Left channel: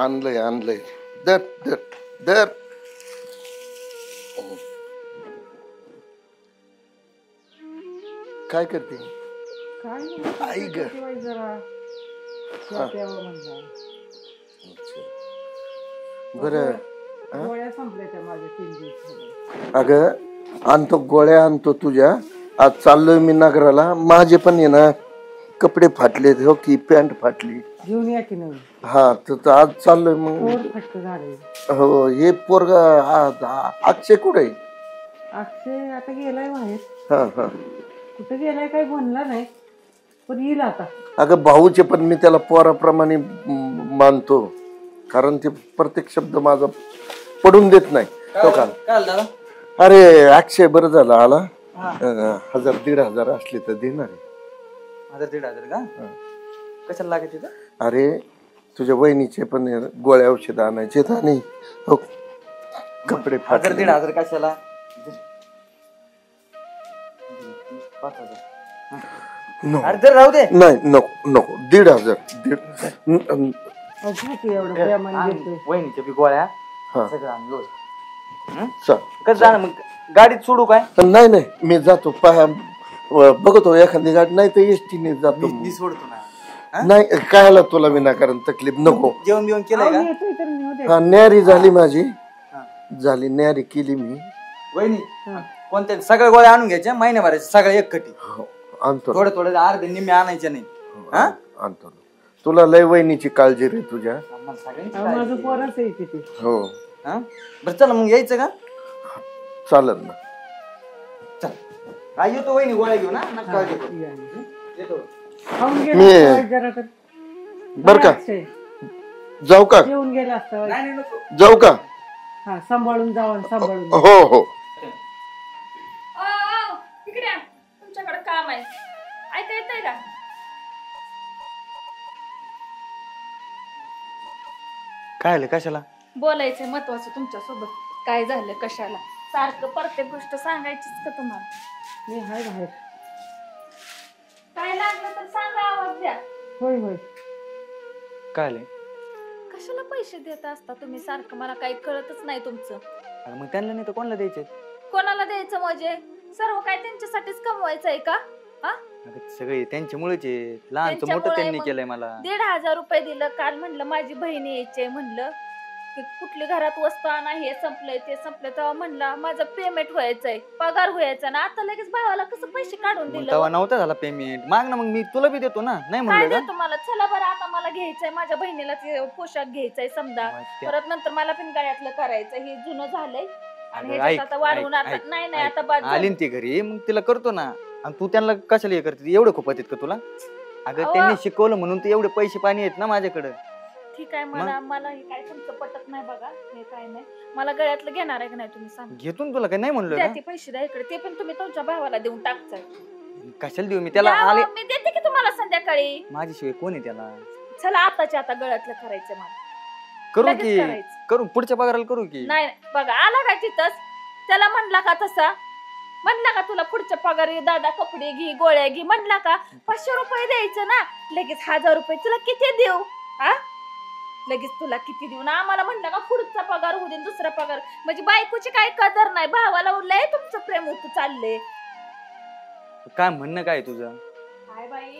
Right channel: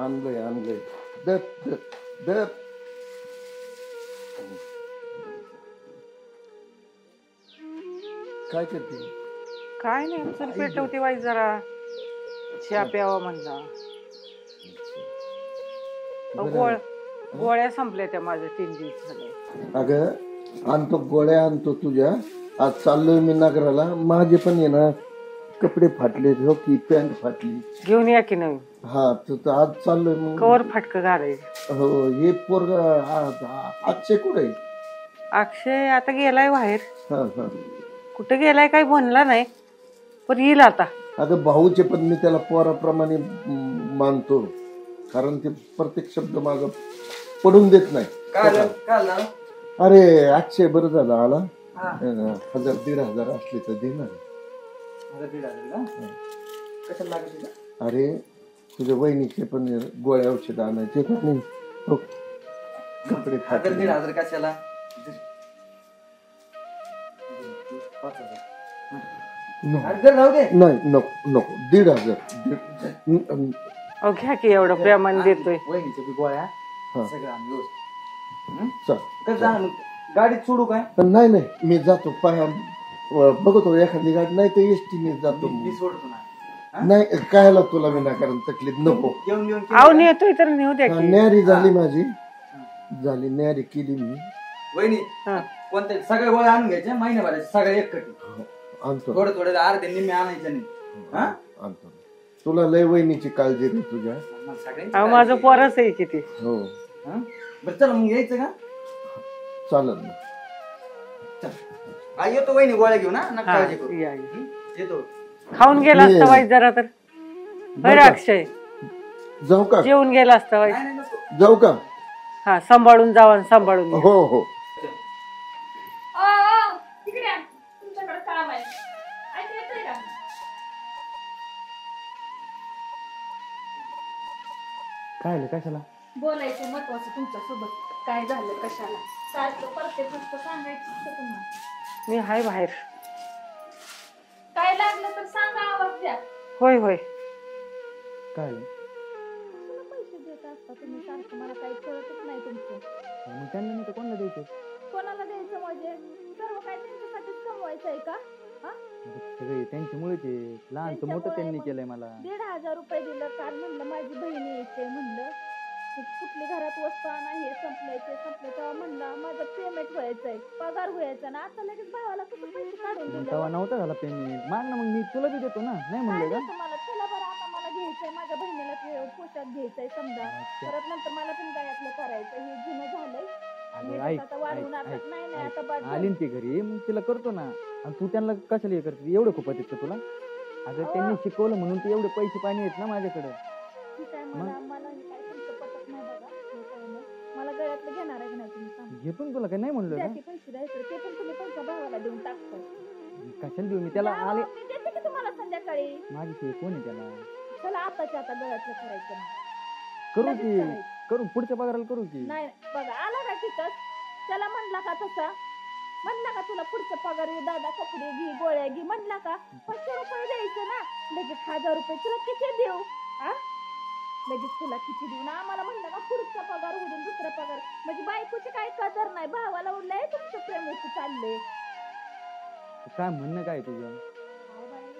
आणलंय आणलंय. दर दर दर. काय करते? काय नाही ठेवते वाईट जरा चहा प्यावा म्हणला. गोळ्या संपल्या त्या माझ्या 3 दिवस झाले. अगं आणतो गोळ्या आणतो तुझ्या. आज चाललोय मी नगराला. माझे पण आहे ना कपडे फाटले हो की पॅन्ट फाटली. घेऊन या की नवीन. हा तर आज चाललोय मग. कवर फाटक घालायचं. हो हे पोरग अक्षय कुठे? अक्षय आता गेलाय बाहेर. हा हा. कुठे गेलाय काही म्हणला नाही पण येईल आता. अगं भाऊचे पण मी त्याला पोराप्रमाणे मानतो कारण ते प्रत्येक शब्द माझा पडून देत नाही. अरे अक्षय बरं झालं आला. 1000-1500 असले तर देणार. 1000-1500 का? कशाला लागेल? अरे तुझ्या वहिनीचे पण गोळ्या औषध आणायचे आणि कपडे फाटले. 1000-1500 कशाला? 5000 राहू दे. नाही नको नको 1500. घ्या की एवढं प्रेमाने देतोय. वहिनीच्या बी गोळ्या हा सगळं आणलो. चल कसं जाणार मग? गाडीत सोडू काय? नाही नाही मी जातो बघतो एखादी गाडी नाही तर एसटीने जातो. मी सोडतो ना. नाही कायला तुला विनाकारण तकलीफ नको. जेवण बिवण अहो केलं? नेतोय तर नेऊ द्या. न्यारी झाली माझी. झाली न्यारी केली मी. वहिनी कोणत्या सगळ्या गोळ्या आणून घ्यायच्या महिन्याभराच्या सगळ्या एकखटी. आणतो थोडे थोडे अर्धे निम्मे आणायचे नाही. आणतो. तुला लय वहिनीची काळजी रे तुझ्या. माझं पोरच आहे किती. हो बरं चला मग यायचं का? चालत ना. चल येतो वहिनी गोळ्या घेऊन. येतो. खाऊन गेला असता वाईट जरा तर. बरं का? अक्षय जाऊ का? जेवून गेला असता वाईट. नाही नको. जाऊ का? हा सांभाळून जावा सांभाळून. हो हो. इकडे तुमच्याकडे काम आहे. ऐका येतंय का? काय आलं? कशाला बोलायचं महत्वाचं तुमच्या सोबत. काय झालं कशाला सारखं प्रत्येक गोष्ट सांगायचीच का तुम्हाला? मी हाय बाहेर. काय लागलं तर सांगा आवाज द्या. होय होय. काय आलं? कशाला पैसे देत असता तुम्ही सारखं? मला काही कळतच नाही तुमचं. मग त्यांना नाही तर कोणाला द्यायचे? कोणाला द्यायचं म्हणजे सर्व काय त्यांच्यासाठीच कमवायचं आहे का? सगळे त्यांच्यामुळेच आहे. लहानचं मोठं त्यांनी केलंय मला. 1500 रुपये दिलं. काल म्हणलं माझी बहीण यायची म्हणलं की कुठली घरात वस्तू आणा, हे संपलंय ते संपलंय. तेव्हा म्हणला माझं पेमेंट व्हायचंय, पगार व्हायचा ना. आता लगेच भावाला कसं पैसे काढून दिलं? तेव्हा नव्हता झाला पेमेंट. माग ना मग मी तुला बी देतो ना. नाही काय म्हणलं देतो मला? चला बरं आता मला घ्यायचंय, माझ्या बहिणीला ते पोशाख घ्यायचाय समजा. परत नंतर मला पण गळ्यातलं करायचं. हे जुनं झालंय आणि आता वाढवून आता नाही नाही आता बाद आली ती घरी मग तिला करतो ना. आणि तू त्यांना कशाला हे करते? एवढं खूप येत का तुला? अगं त्यांनी शिकवलं म्हणून ते एवढे पैसे पाणी आहेत ना माझ्याकडे. ठीक आहे. मला हे काय तुमचं पटत नाही बघा. हे काय नाही. मला गळ्यातलं घेणार आहे की नाही तुम्ही सांगा. घेतो तुला काय नाही म्हणलं ते पैसे द्या इकडे. ते पण तुम्ही तुमच्या भावाला देऊन टाकताय. कशाला देऊ मी त्याला? आले मी देते की तुम्हाला संध्याकाळी. माझ्याशिवाय कोण आहे त्याला? चला आताच्या आता गळ्यातलं करायचं मला. करू लगेच की करायचं. करू पुढच्या पगाराला करू की. नाही बघा आला काय तिथंच त्याला म्हणला का तसा? म्हणला का तुला पुढच्या पगारी दादा कपडे घे गोळ्या घे म्हणला का? 500 रुपये द्यायचं ना. लगेच 1000 रुपये तुला किती देऊ? लगेच तुला किती देऊ ना? आम्हाला म्हणलं का पुढचा पगार होऊ दे दुसरा पगार. म्हणजे बायकोची काय कदर नाही. भावाला लय तुमचं प्रेम होत चाललंय. काय म्हणणं काय तुझं? काय बाई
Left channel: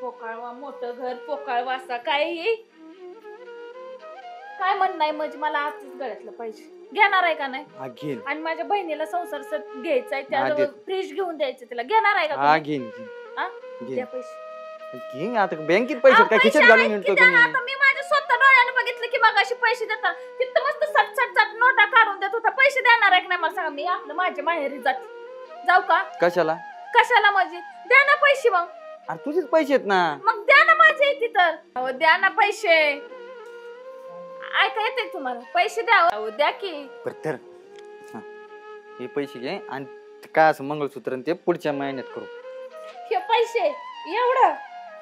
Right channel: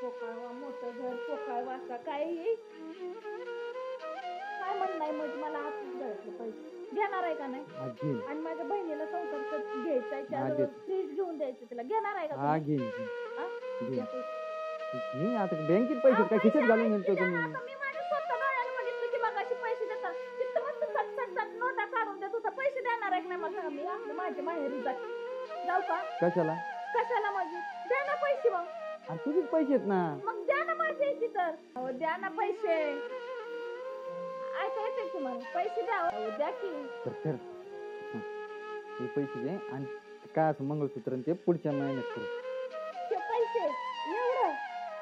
पोकाळवा मोठं घर पोकाळ वासा काय काय म्हणणं आहे? म्हणजे मला आजच गळ्यातलं पाहिजे. घेणार आहे का नाही? घेईन. आणि माझ्या बहिणीला संसार घ्यायचाय त्याला फ्रीज घेऊन द्यायचं तिला. घेणार आहे का? हा घेईन. द्या पैसे. घेईन. आता बँकेत पैसे काय खिशात घालून येतो का मी? आता मी माझ्या स्वतः डोळ्याने बघितलं की मगाशी पैसे देतात. तिथं मस्त 60 नोटा काढून देत होता. पैसे देणार आहे का नाही मला सांगा? मी आपलं माझ्या माहेरी जाऊ का? कशाला? कशाला म्हणजे? द्या ना पैसे मग. अरे तुझेच पैसे आहेत ना. मग द्या ना माझे तिथं. अहो द्या ना पैसे. ऐका येते तुम्हाला? पैसे द्या. अहो द्या की. तर हे पैसे घे आणि काय असं मंगळसूत्र ते पुढच्या महिन्यात करू. हे पैसे एवढं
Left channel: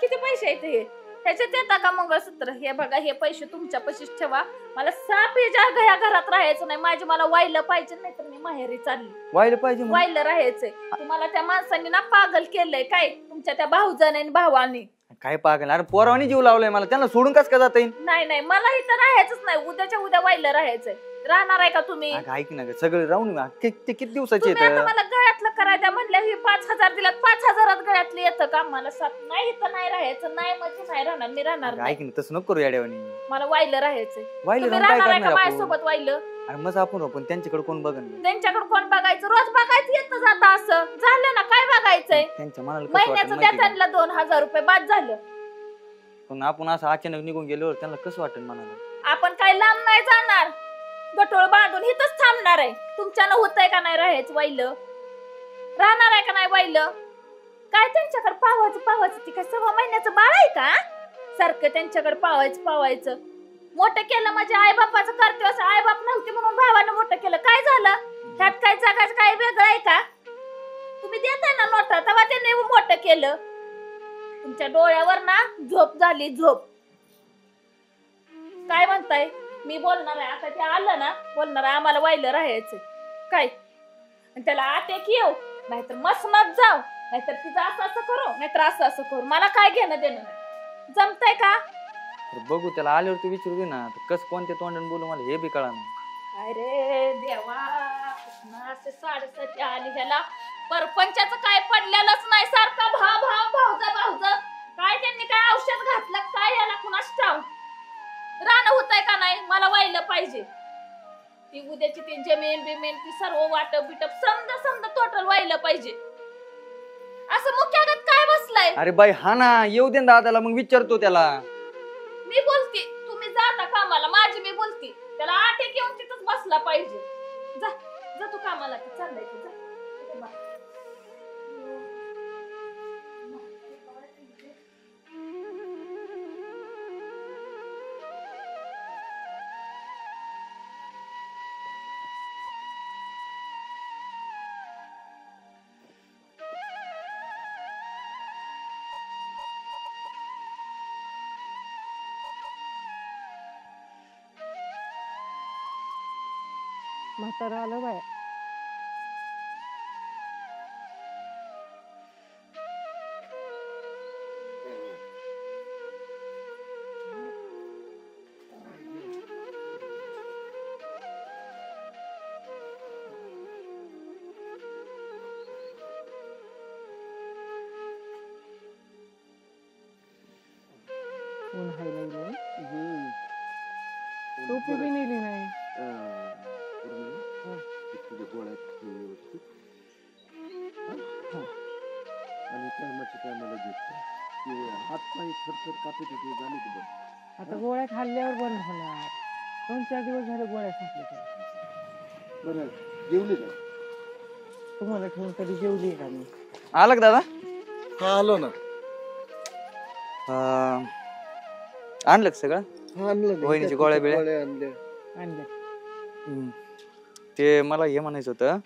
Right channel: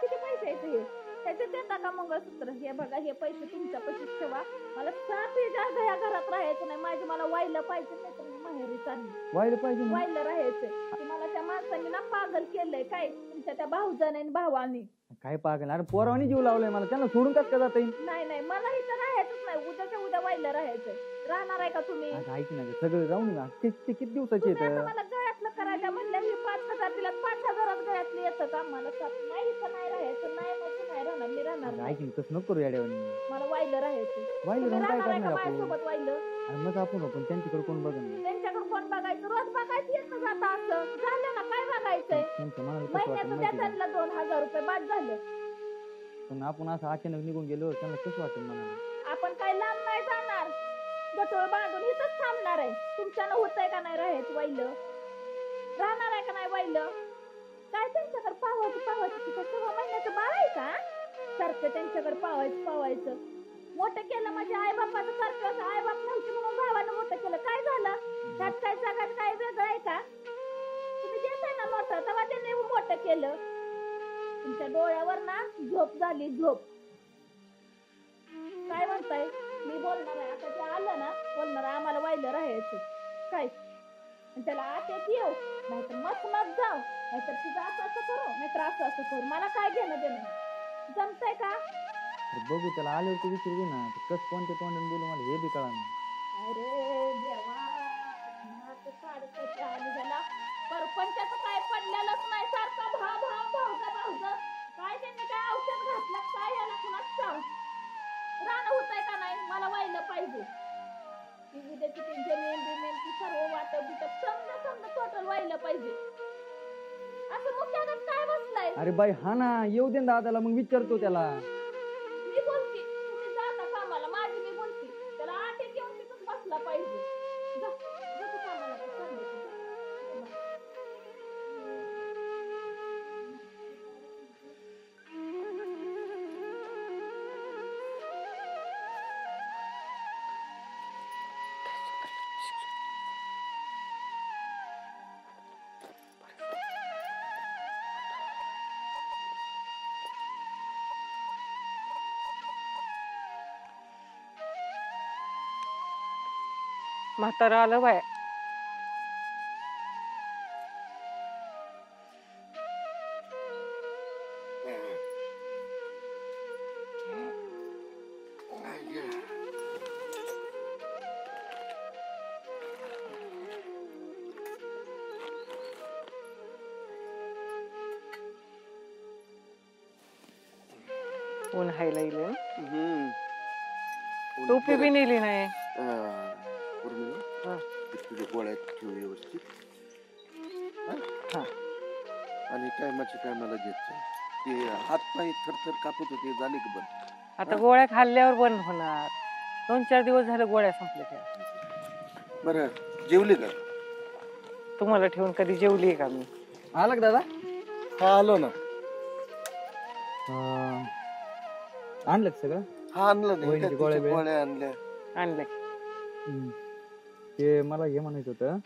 किती पैसे आहेत हे? ह्याच्यात येता का मंगळसूत्र? हे बघा हे पैसे तुमच्या पशीच ठेवा. मला साप या घरात राहायचं नाही. माझे मला वाहिलं पाहिजे नाही तर मी माहेरी चालली. वाहिलं पाहिजे? वाहिलं राहायचंय. तुम्हाला त्या माणसांनी ना पागल केलंय काय तुमच्या त्या भाऊजाने आणि भावानी. काय पागल, अरे पोरावानी जीव लावलाय मला, त्यांना सोडून कस का जाता येईल? नाही नाही मला इथं राहायचंच नाही, उद्याच्या उद्या वाहिलं राहायचंय. राहणार आहे का तुम्ही? अगं ऐक ना ग, सगळं राहून ते किती दिवसाचे तुम्ही आता येत. मला गळ्यातलं करायचं म्हणल्या हे 5,000 दिलात, 5,000 गळ्यातलं येतं का मला? नाही इथं नाही राहायचं, नाही म्हणजे नाही राहणार, मी राहणार नाही. ऐक ना, तसं नको करू याड्यावानी. मला वाहिलं राहायचंय. वाहिलं तुम्ही राहून काय राहणार आहे का करणार आपण? माझ्यासोबत वाहिलं? अरे मग आपण त्यांच्याकडे कोण बघन? त्यांच्याकडे कोण बघायचं? रोज बघायचं येतं जातं असं झालं ना, काय बघायचंय? त्यांच्या मनाला कसं महिन्याचं वाटेल द्या माहिती का? त्यांना 2,000 रुपये बाद झालं. पण आपण असं अचानक निघून गेल्यावर त्यांना कसं वाटेल मनाला? आपण काय लांब नाही जाणार, गटोळ बांधून इथंच थांबणार आहे. तुमच्यानं होतंय का नाही राहायचं वाहिलं? राहणार आहे का नाही वाहिलं? काय त्यांच्याकडे पावायचं ती काय 6 महिन्याचं बाळ आहे का? सारखं त्यांच्याकडे पावायचं. मोठं केलं म्हणजे आई बापाचं कर्तव्य असं, आई बाप नव्हते म्हणून भावानं मोठं केलं, काय झालं? त्यात काय जगाचं काय वेगळं आहे का? तुम्ही देताय ना नोटा, तेव्हा त्यांनी मोठं केलं. तुमच्या डोळ्यावर ना झोप झाली, झोप. काय म्हणताय? मी बोलणार आहे आता, ते आलं ना बोलणार आहे आम्हाला वाहिलं राहायचं काय, आणि त्याला आते की येऊ, नाहीतर मसनात जाऊ, नाहीतर तिचं असं करू, नाहीतर असं करू. मला काय घेणं देणं? जमतंय का? बघू, त्याला आल्यावर तू विचारू दे ना, कसं कोणत्या तोंडाने बोलू मला हे बी कळा नाही. अरे देवा, असे 7.5 आणि ह्याला परपंचाचं काय पडलेलंच नाही, सारखा भाऊज काय त्यांनी काय औषध घातलं काय याला कुणास ठाव. रान होतंय का नाही? मला वाहिलं पाहिजे. ती उद्याची ती जमीन बिमीन ती सर्व वाटप बिटप समजा टोटल वाहिलं पाहिजे. असं मुख्यागत काय बसलाय? अरे बाई हा ना, येऊ दे ना दादाला, मग विचारतो त्याला. मी बोलते, तुम्ही जाता कामाला, माझी मी बोलते. त्याला आटे घेऊन तिथंच बसला पाहिजे. जा तू कामाला, चाललंय तू, जा. म्हातारा आलं बाय. ऊन हायला इले, टोपी बी नेली नाही. तुझ्या गोळ्यात ठेव व्यवस्थित, आणि टायमाला घेत. ते हात पाय थरथर कापत होते, झाले की बंद? आता गोळ्या खाल्ल्यावर बंद होणार. 2-4 दिवस झाले गोळ्या संपल्या. बरं, जेवले का? तुम्हाला ठेवून कधी जेवली का मी? आला का दादा? हा आलो ना. आणलं का सगळं? हा आणलं ना. वहिनीच्या गोळ्या बिळ्या? गोळ्या आणल्या. आणलंय. ते मला हे म्हणायचं होतं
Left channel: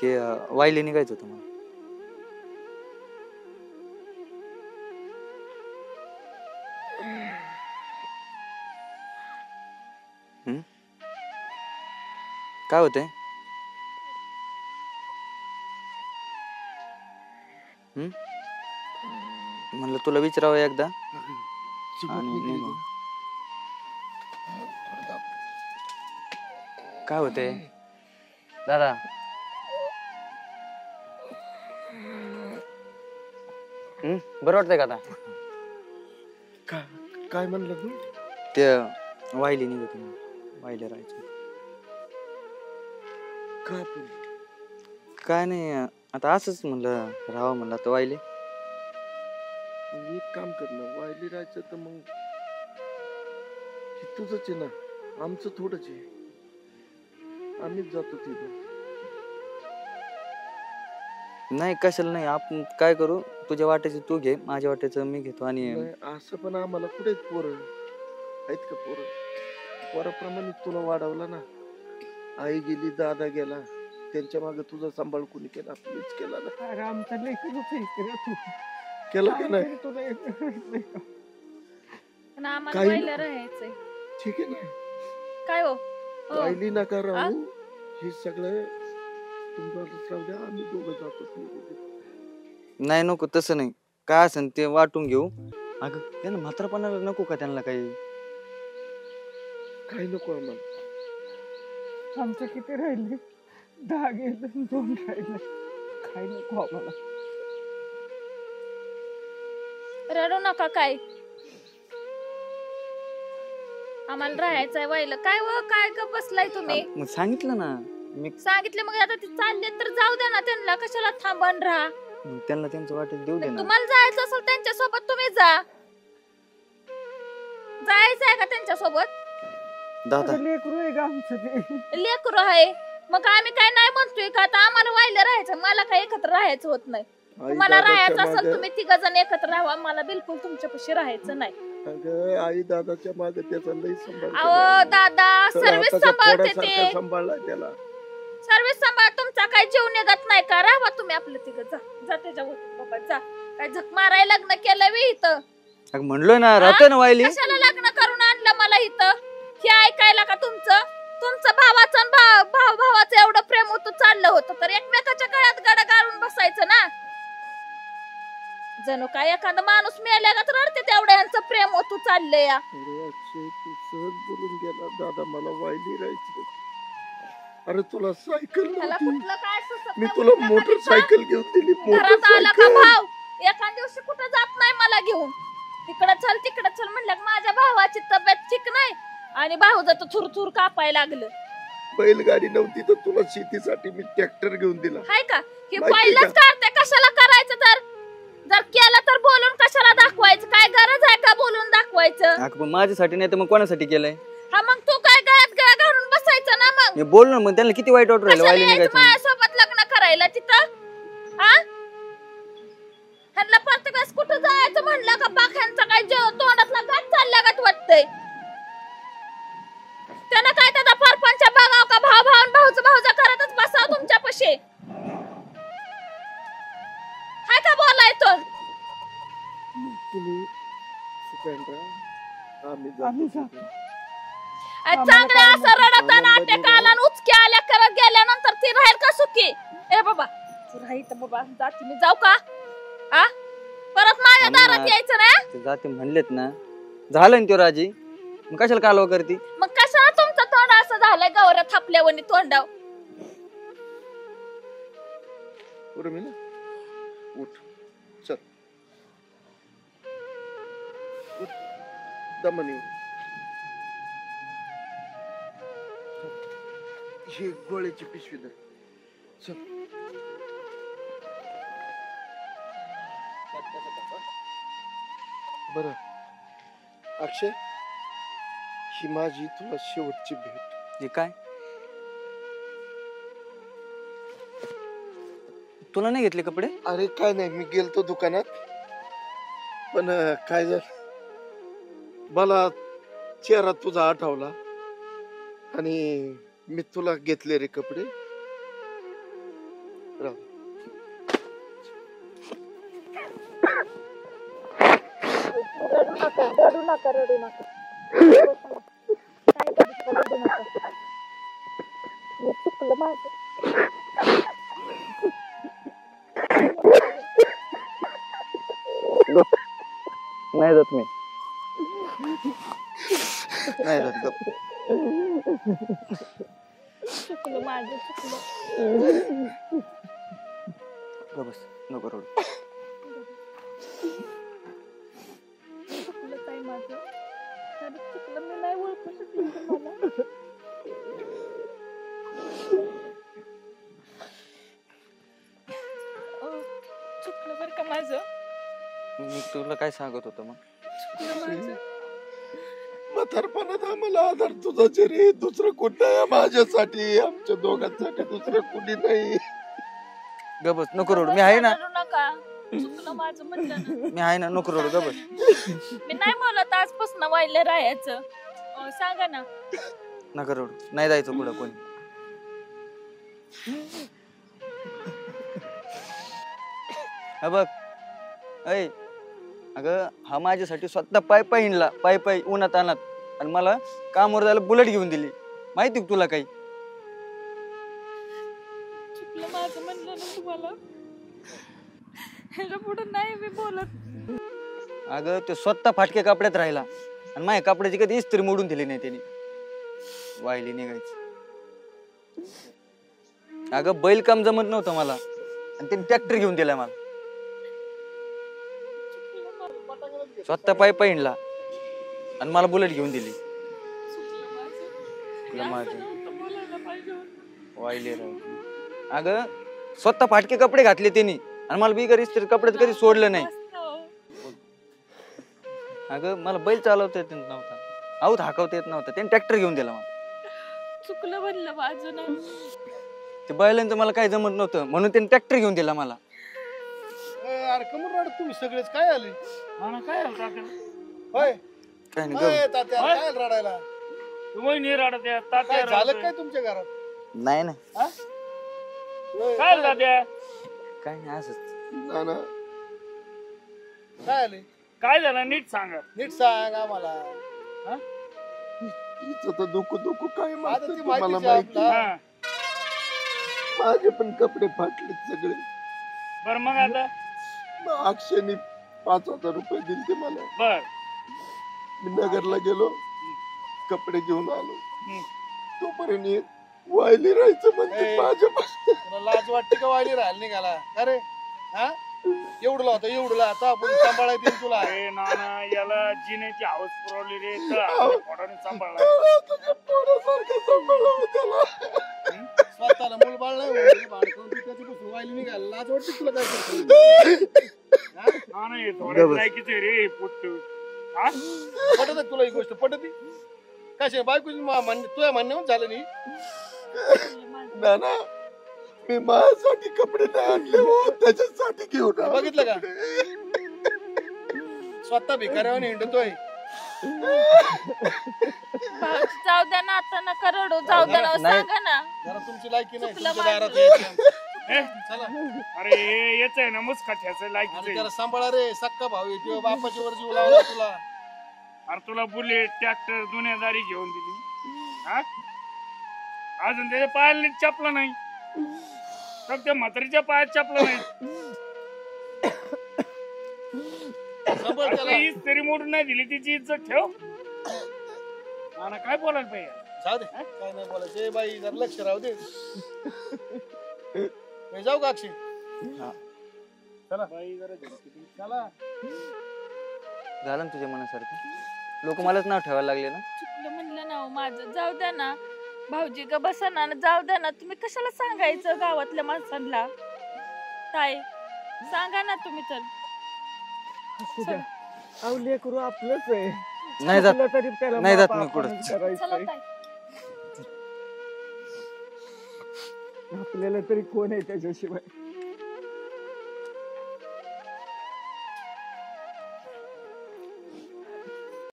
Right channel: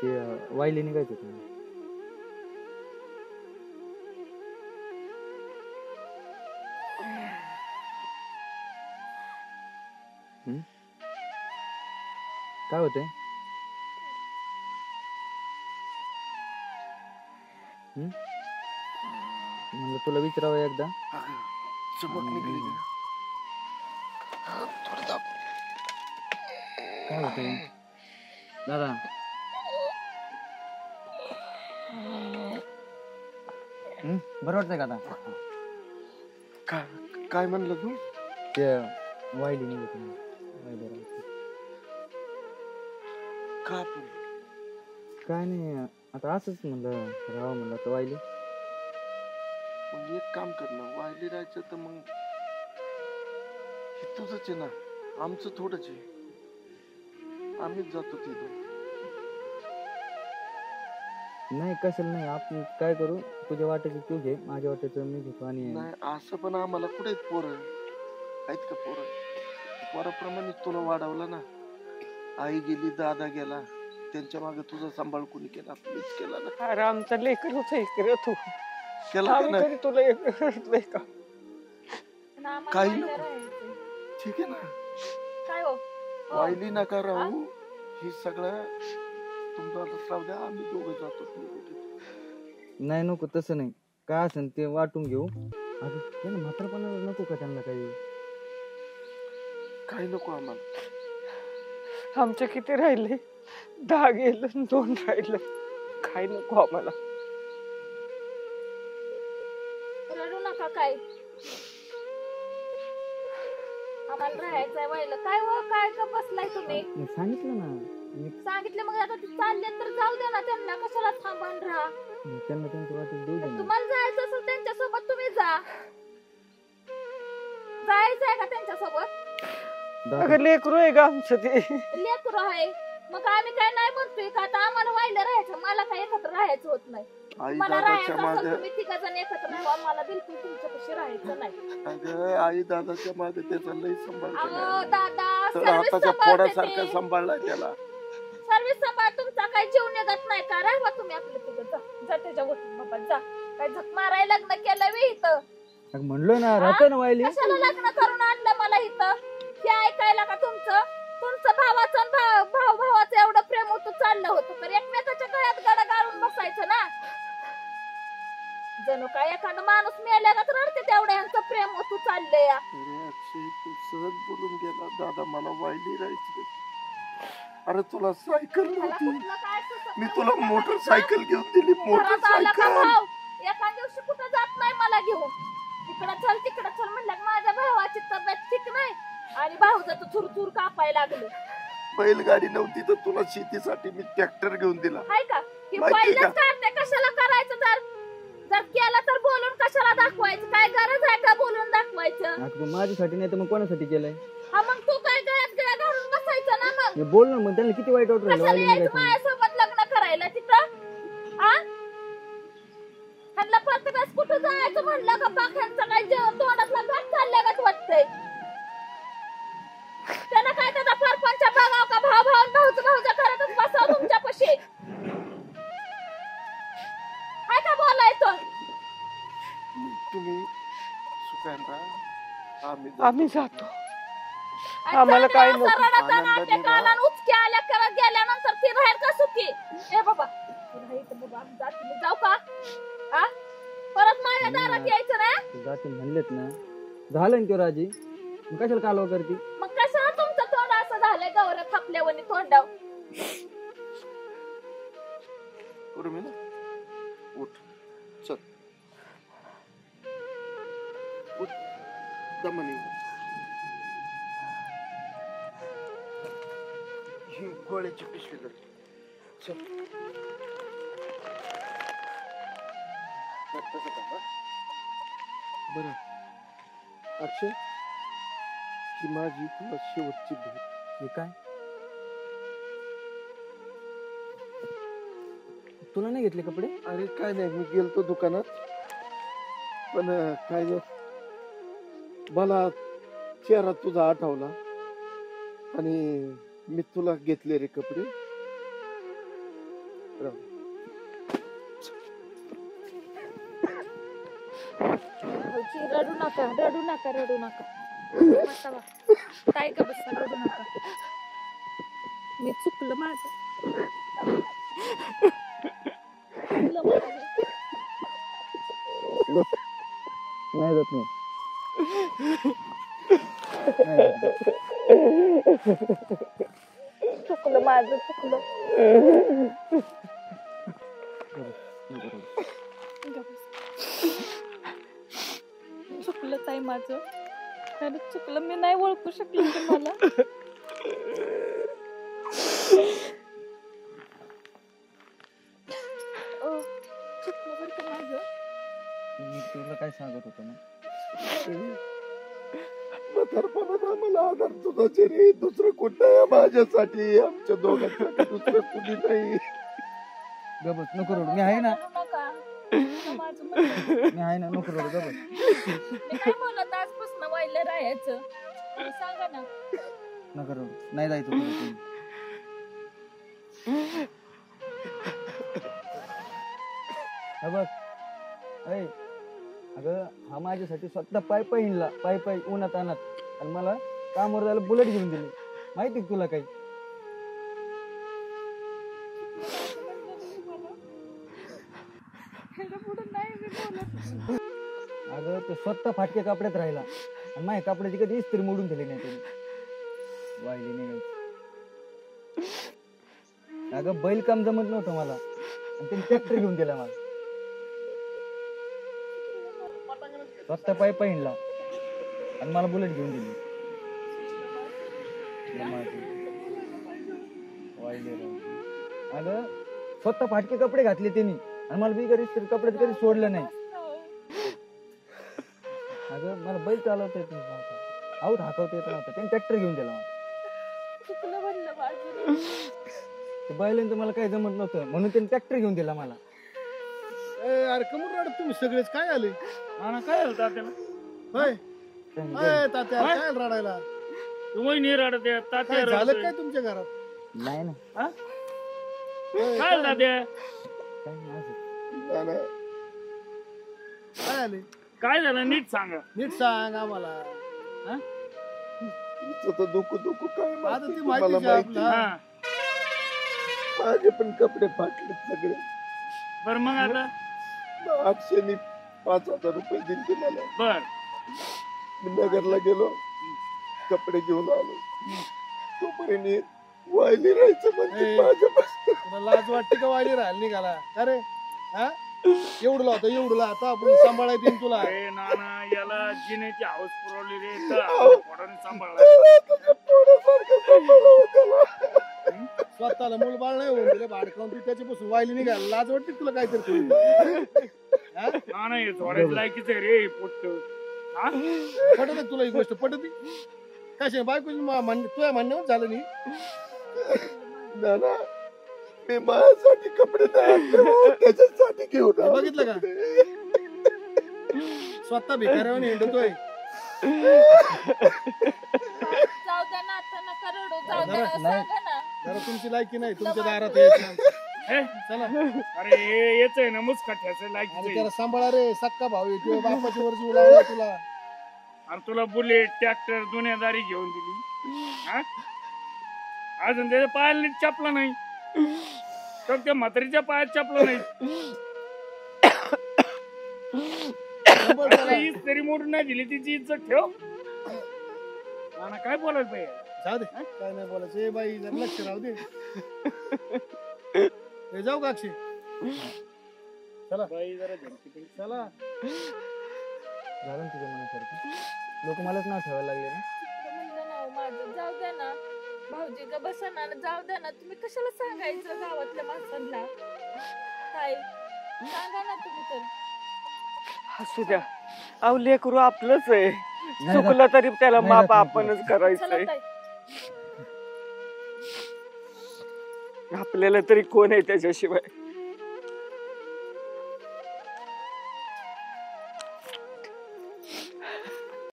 की वायली निघायचं होतं मला. काय होतंय? म्हणलं तुला विचारावं एकदा. काय होतंय दादा? बरं वाटतंय का आता? काय म्हणलं तू? ते वायली निघत वायले राहायचं. काय नाही, आता असंच म्हणलं राहावं म्हणलं आता वायली. मग एक काम कर ना, वायली राहायचं तर मग तुझंच आहे ना, आमचं थोडंच आहे. आम्हीच जातो तिथे. नाही कशाला नाही, आपण काय करू, तुझ्या वाट्याचं तू घे, माझ्या वाट्याचं मी घेतो. आणि असं पण आम्हाला कुठे पोरं आहेत का? पोराप्रमाणे तुला वाढवलं ना. आई गेली, दादा गेला, त्यांच्या मागे तुझा सांभाळ कोणी केला? आपलीच केला ना. अरे आमचा लेकर तू केला की आम्ही नाही? कधी तुला एकलंय का? पण आम्हाला काही वाहिलं राहायचंय. ठीक आहे ना, काय हो? वायली नका राहू. हे सगळं तुम्हाला राहू द्या, आम्ही दोघं जातो. नाही नको तसं नाही, काय असेल ते वाटून घेऊ. अगं त्यांना म्हातारपणाला नको का त्यांना काही? काही नको आम्हाला. आमचे किती राहिले? 10 गेलं, 2 राहिलं. काय नको आम्हाला. रडू नका काय, आम्हाला राहायचंय व्हायला. काय व काय ग बसलाय तुम्ही? मग सांगितलं ना मी. सांगितले मग आता ते चालले तर जाऊ दे ना त्यांना, कशाला थांबण राहा. मग त्यांना त्यांचं वाटेल देऊ दे ना. तुम्हाला जायचं असेल त्यांच्या सोबत तुम्ही जा. जायचंय का त्यांच्या सोबत? दादा अगं लेकरू आहे का आमचं ते? लेकरू आहे मग आम्ही काय नाही म्हणतोय का आता आम्हाला व्हायला राहायचं, मला काय एकत्र राहायचं होत नाही. आई तुम्हाला राहायचं दादाच्या असेल मागं- तुम्ही 3 जण एकत्र राहा, मला बिलकुल तुमच्यापाशी राहायचं नाही. अगं आई दादाच्या मागे त्याचा लई सांभाळ अहो दादा केला. सर्विस हाताच्या सांभाळते पोरासारखा ते, सांभाळला त्याला. सर्विस सांभाळ. तुमचा काय जीव निघत नाही का? राहा तुम्ही आपलं तिघं, जा जा त्याच्यावर बाबा जा. काय झक मारायला लग्न केलंय वे इथं? अगं म्हणलोय ना राहतोय ना वायली. कशाला लग्न करून आणलं मला इथं? हे ऐकायला का तुमचं भावाचं आणि भावाचं एवढं प्रेम होतं चाललं होतं तर एकमेकाच्या गळ्यात गड गाळून बसायचं ना. जणू काय एखादा माणूस मेल्या का तर रडते तेवढं यांचं प्रेम होतं चाललंय या. अरे अक्षय तू सहज बोलून गेला दादा मला वायली राहायची. अरे तुला सायकल त्याला नव्हती, कुठलं काय सुचत मी नाही, तुला कुठलं मोटरसायकल घेऊन दिली. घरात आला का मोटरसायकल भाव एका दिवशी कुठं जात नाही मला घेऊन. तिकडं चल म्हणलं की माझ्या भावाची तब्येत ठीक नाही आणि भाऊ जातो थुरथुर कापायला लागलं. बैलगाडी नव्हती तर तुला शेतीसाठी मी ट्रॅक्टर घेऊन दिला. हाय का हे माहिती पहिलंच का? करते, कशाला करायचं? तर जर केलं तर बोलून कशाला दाखवायचं? काय गरज आहे का बोलून दाखवायचं? अगं पण माझ्यासाठी नाही तर मग कोणासाठी केलंय? हा मग तू काय गळ्यात गळा घालून बसायचं ना मग? मी बोल ना मग त्यांना किती वाईट वाटू राहिलं कशाला वायली यायचं निघायचं. माझ्यासोबत लग्न करायला तिथं? हा ह्यांना प्रत्येक वेळेस कुठं जायचं म्हणलं का पाख्यांचा काय तोंडातला घात चालल्या का वाटतंय? त्यांना काय त्याचा परपंच बघाव का? भाऊ भाऊचं करतच बसाव तुमच्यापाशी. हाय का बोलायचं? तुम्ही सुखांत आम्ही जातो. चांगलं आम्हाला काय असं नको. रडताना आनंदाने टेकाला आणि उचक्या आल्या करत गेल्यानंतर ती राहील का सुखी? ए बाबा तू राहील तर बाबा जाते मी, जाऊ का? आ परत माझ्या थांब ना. दारात यायचं नाही. ते जाते म्हणलेत ना, झालं ना त्यो राजी, मग कशाला कालवा करती? मग कशाला तुमचं तोंड असं झालंय गौऱ्या थापल्यावानी तोंडाव? उठ चल उठ दमनी. ही गोळ्याची पिशवी धर. चल बर अक्षय, ही माझी तुला शेवटची भेट. हे काय तुला नाही घेतले कपडे? अरे काय नाही, मी गेलतो दुकानात पण काय झालं मला चेहरा तुझा आठवला आणि मी तुला घेतले रे कपडे. राहू. रडू नका बसा ना. काय करत रडू नका. मी चुकलं माझं. नाही जात मी. नाही जात गप. चुकलं माझं चुकलं. गप बस, नको रडू. चुकलं ताई माझं, खरंच चुकलं. मी नाही ओळखू शकले तुम्हाला. चुकलं बरं का माझं. मी तुला काय सांगत होतो मग? म्हातारपणात आम्हाला आधार तुझाच रे, दुसरं कोण नाही माझ्यासाठी, आमच्या दोघांसाठी दुसरं कुणी नाही. गप बस, नको रडू. मी आहे ना, रडू नका. चुकलं माझं म्हणलं. मी आहे ना, नको रडू. गप बस. मी नाही बोलत आजपासून व्हायला राहायचं. सांगा ना. नका रडू. नाही जायचं पुढे कोणी. हा बघ ऐ, अगं हा माझ्यासाठी स्वतः पाय हिंडला, पाय उन्हात आणत, आणि मला कामावर जायला बुलेट घेऊन दिली. माहिती का तुला काही? चुकलं माझं म्हणलं ना तुम्हाला. ह्याच्या पुढे नाही मी बोलत. अगं ते स्वतः फाटके कपड्यात राहिला आणि माझ्या कपड्याची कधी इस्त्री मोडून दिली नाही त्याने. वाहिली निघायची. अगं बैल काम जमत नव्हतं मला आणि त्याने ट्रॅक्टर घेऊन दिला मला. स्वतः पाय हिंडला आणि मला बुलेट घेऊन दिली. वाहिली राव. अगं स्वतः फाटके कपडे घातले त्यांनी आणि मला बिगर इस्त्री कपड्यात कधी सोडलं नाही. अगं मला बैल चालवता येत नव्हता, आऊत हाकवता येत नव्हता, त्याने ट्रॅक्टर घेऊन दिला मला. चुकलं म्हणलं माझं. ते बैलांचं मला काही जमत नव्हतं म्हणून त्यांनी ट्रॅक्टर घेऊन दिला मला. अरे कमून रडत तुम्ही सगळेच काय आले? काय झालं तात्याला? होय काय नाही होय, गं. तात्या होय? काय रडायला? तुम्ही नाही रडत आहे, तात्या काय झालं रडतोय. काय तुमच्या घरात? नाही ना होय, काय झालं तात्या? काय नाही असंच. नाना काय आले? काय झालं नीट सांगा. नीट सांग आम्हाला. तिचं तर दुखू दुखू काय आता माहिती ती तुम्हाला माहितीच माहिती. आहे हा. माझे पण कपडे फाटले सगळे. बर मग आता अक्षयने 5,000 रुपये दिले ते मला. बर मी नगरला गेलो, कपडे घेऊन आलो. तोपर्यंत हे वायली राहायचं म्हणते ए. माझ्या. तुला लाज वाटते का वायली राहिली निघाला? अरे हा एवढं लावतो एवढं लावतो आपण सांभाळायला देईन तुला. अरे नाना याला जिनेची हाऊस पुरवली रे तर अहो. आपल्या पोटाने सांभाळा. तुझ्या पोरासारखं सांभाळावं त्याला. स्वतःला मूल बाळ नाही होऊन गेलं, बाळ खाऊन तू त्याच्यापासून वायली निघाला. लाज वाटते तुला काय करतो? नाना हे थोड्या लायकीच आहे रे पुट्ट. हा पटत आहे तुला ही गोष्ट पटत? कशा बायकोची तुझ्या म्हणण्यावर झालं नाही. नाना मी माझ्यासाठी कपडे नाही आणले हो, त्याच्यासाठी घेऊन आलो. बघितलं का? स्वतः भिकाऱ्याने हिंडतोय. जाऊ द्या ना आता नका रडू. जाऊ द्या ना, नाही. सांगा ना. जरा तुमची लायकी नाही चुकलं तुमच्या माझं. दारात यायचं. हे? चला अरे हे येच आहे ना मुस्कट ह्याचं आणि लायकीच त्याला सांभाळा रे. सक्का भाऊ आहे किंवा बापाची वर जीव लावला तुला. अरे तुला बुलेट ट्रॅक्टर दुनियादारी घेऊन दिली. हा अजून त्याच्या पायाला नीट चपला नाही तर त्या म्हातारीच्या पायात चपला नाही. सांभाळ त्याला. हीच तरी मोडून नाही दिली तिची इज्जत ठेव. मला काय बोलायला पाहिजे? जाऊ दे काय नाही बोलायचं. ए बाई जरा लक्ष राहू दे. ए, जाऊ का अक्षय? चला बाई जरा धमकी. चला. झालं ना तुझ्या मनासारखं. लोक मलाच नाव ठेवायला लागले ना. चुकलं म्हणलं ना हो माझं. जाऊ द्या ना भाऊजी का बसा ना. जाऊ द्या ना. तुम्ही कशाला सांगायचं गावातल्या माणसांना? ताई सांगा ना तुम्ही तर. असू द्या. अहो लेकरू आपलंच आहे. नाही जात. चुकलं तरी त्याला नाही माफ जात मी आपणच चला करायचंय. ताई. आपल्याला तरी कोण आहे त्याच्याशिवाय.